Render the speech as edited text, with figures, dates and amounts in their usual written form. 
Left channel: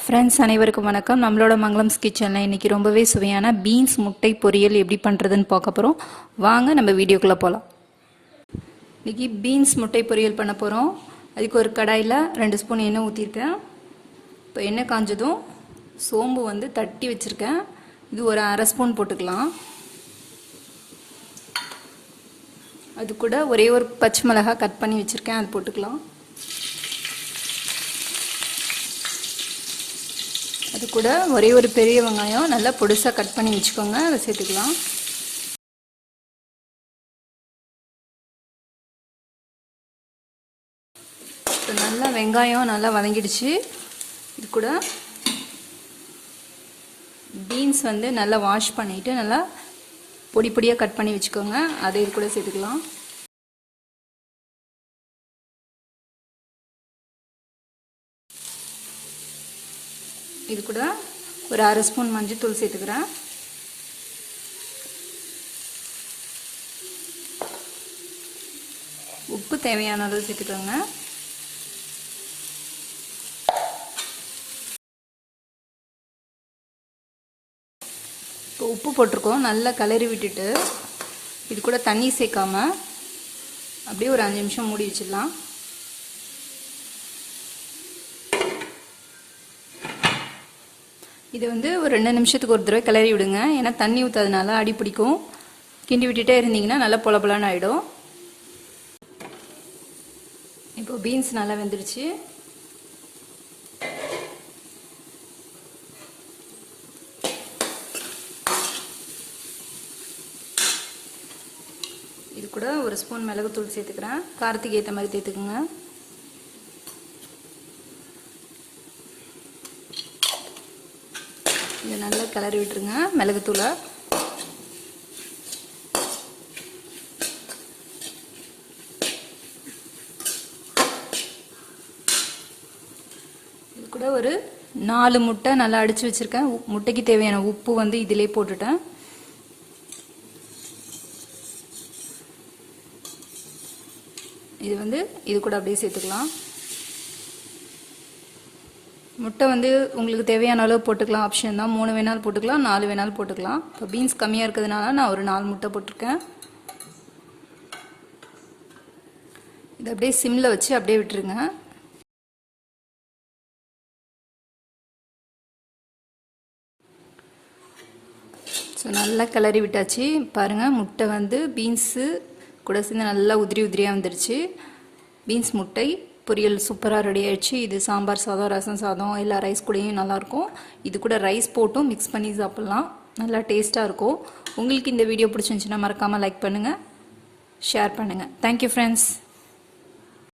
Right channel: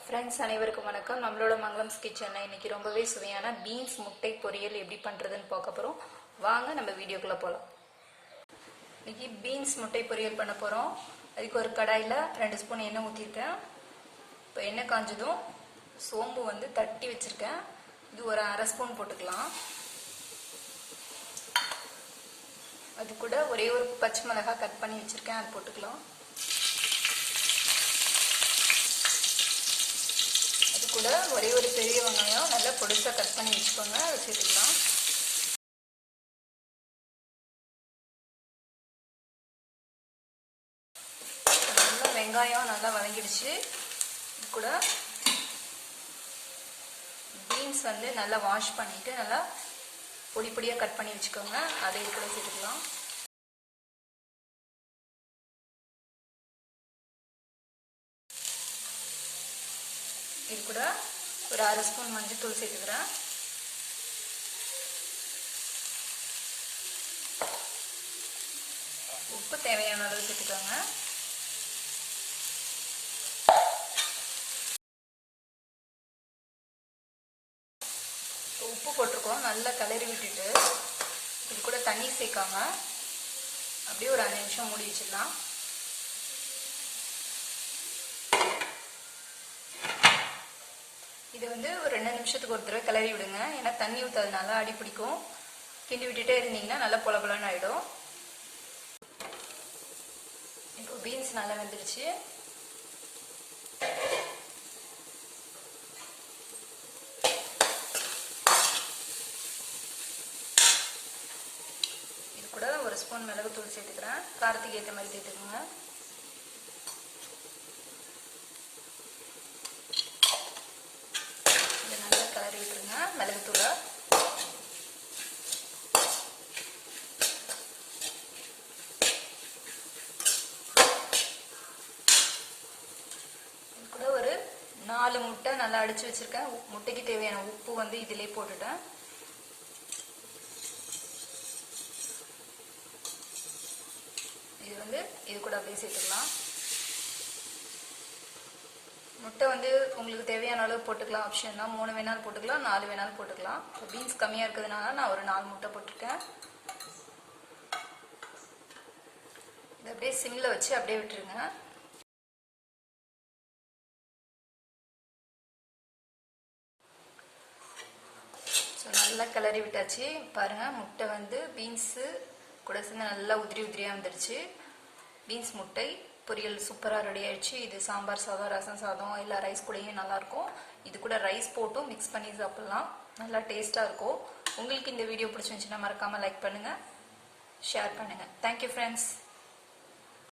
Friends அனைவருக்கும் வணக்கம். நம்மளோட மங்களம்ஸ் கிச்சனில் இன்றைக்கி ரொம்பவே சுவையான பீன்ஸ் முட்டை பொரியல் எப்படி பண்ணுறதுன்னு பார்க்க போகிறோம். வாங்க நம்ம வீடியோக்குள்ளே போகலாம். இன்றைக்கி பீன்ஸ் முட்டை பொரியல் பண்ண போகிறோம். அதுக்கு ஒரு கடாயில் 2 ஸ்பூன் எண்ணெய் ஊற்றிருக்கேன். இப்போ எண்ணெய் காஞ்சதும் சோம்பு தட்டி வச்சுருக்கேன். இது ஒரு அரை ஸ்பூன் போட்டுக்கலாம். அது கூட ஒரே ஒரு பச்சை மிளகாய் கட் பண்ணி வச்சுருக்கேன், அது போட்டுக்கலாம். அது கூட ஒரே ஒரு பெரிய வெங்காயம் நல்லா பொடிசாக கட் பண்ணி வச்சுக்கோங்க, அதை சேர்த்துக்கலாம். நல்லா வெங்காயம் நல்லா வதங்கிடுச்சு. இது கூட பீன்ஸ் நல்லா வாஷ் பண்ணிவிட்டு நல்லா பொடி பொடியாக கட் பண்ணி வச்சுக்கோங்க, அதை இது கூட சேர்த்துக்கலாம். இது கூட ஒரு அரை ஸ்பூன் மஞ்சள் சேர்த்துக்கிறேன். உப்பு தேவையான அளவு சேர்த்துக்கோங்க. இப்போ உப்பு போட்டிருக்கோம், நல்லா கிளறி விட்டுட்டு இது கூட தண்ணி சேர்க்காம அப்படியே ஒரு 5 நிமிஷம் மூடி வச்சிடலாம். இது ஒரு 2 நிமிஷத்துக்கு ஒரு தடவை கிளறி விடுங்க, ஏன்னா தண்ணி ஊற்றாதனால அடி பிடிக்கும். கிண்டி விட்டுட்டே இருந்தீங்கன்னா நல்லா பொல பொலன்னு ஆகிடும். இப்போ பீன்ஸ் நல்லா வெந்துடுச்சு. இது கூட ஒரு ஸ்பூன் மிளகுத்தூள் சேர்த்துக்கிறேன், காரத்துக்கு ஏற்ற மாதிரி சேர்த்துக்குங்க. இதை நல்லா கிளறி விட்டுருங்க மிளகுத்தூளை. இது கூட ஒரு 4 முட்டை நல்லா அடிச்சு வச்சிருக்கேன். முட்டைக்கு தேவையான உப்பு இதிலே போட்டுட்டேன். இது கூட அப்படியே சேர்த்துக்கலாம். முட்டை உங்களுக்கு தேவையான அளவு போட்டுக்கலாம், ஆப்ஷன் தான். 3 வேணாலும் போட்டுக்கலாம், 4 வேணாலும் போட்டுக்கலாம். இப்போ பீன்ஸ் கம்மியாக இருக்கிறதுனால நான் ஒரு 4 முட்டை போட்டிருக்கேன். இதை அப்படியே சிம்மில் வச்சு அப்படியே விட்டுருங்க. ஸோ நல்லா கிளறி விட்டாச்சு. பாருங்கள், முட்டை பீன்ஸு கூட சேர்ந்து நல்லா உதிரி உதிரியாக வந்துடுச்சு. பீன்ஸ் முட்டை பொரியல் சூப்பராக ரெடி ஆயிடுச்சு. இது சாம்பார் சாதம், ரசம் சாதம், இல்லை ரைஸ் கூடயும் நல்லாயிருக்கும். இது கூட ரைஸ் போட்டும் மிக்ஸ் பண்ணி சாப்பிட்லாம், நல்லா டேஸ்ட்டாக இருக்கும். உங்களுக்கு இந்த வீடியோ பிடிச்சிருந்துச்சுன்னா மறக்காமல் லைக் பண்ணுங்கள், ஷேர் பண்ணுங்கள். Thank you friends.